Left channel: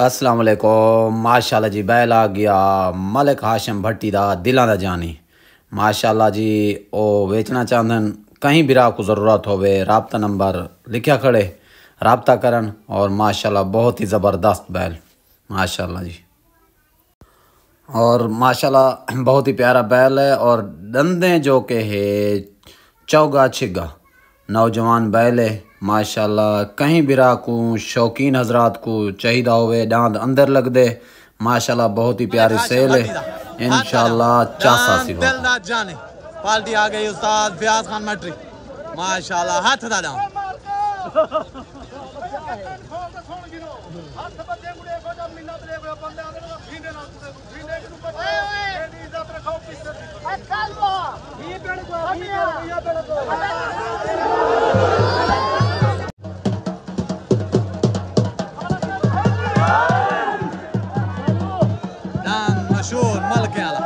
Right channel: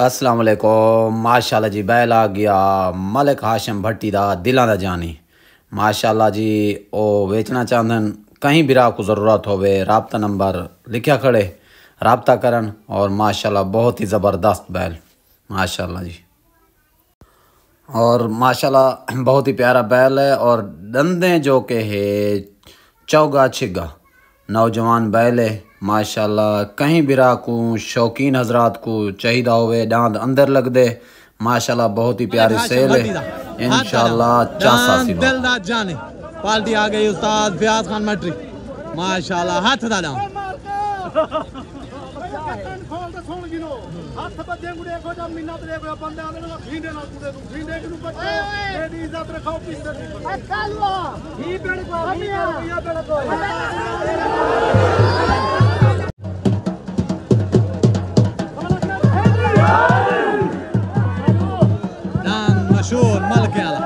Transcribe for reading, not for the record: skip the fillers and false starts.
अस्सलाम वालेकुम। माशाल्लाह जी बैल आ गया मलिक हाशिम भट्टी दा दिलां दा जानी। माशाल्लाह जी ओ बेचना चाहदन, कहीं भी राह को ज़रूरत होवे राब्ता नंबर लिखा खड़े राब्ता करन। और माशाल्लाह बहुत ही ज़बरदस्त बैल माशाल्लाह जी। और माशाल्लाह बहुत ही प्यारा बैल है और दंदे जो के है चौगा छिगा नौजवान बैल है माशाल्लाह। कहीं भी राह को शौकीन हजरात को चाहिए होवे दांत अंदर लग दे माशाल्लाह। बहुत ही प्यारी सेल है इंशाल्लाह। चासा सिलो पार्टी आ गई उस्ताद फयाज खान मटरी माशाल्लाह। हाथ दा डाउन हथ बजे गुड़े को जब मिन्नत रे को बंदे आने वाला भींडे ना गुड़े तू भींडे को बच्चे तेरी इज्जत रखो पिंदर चलो ही बेड़ को या बेड़ को दान मशहूर मलक आला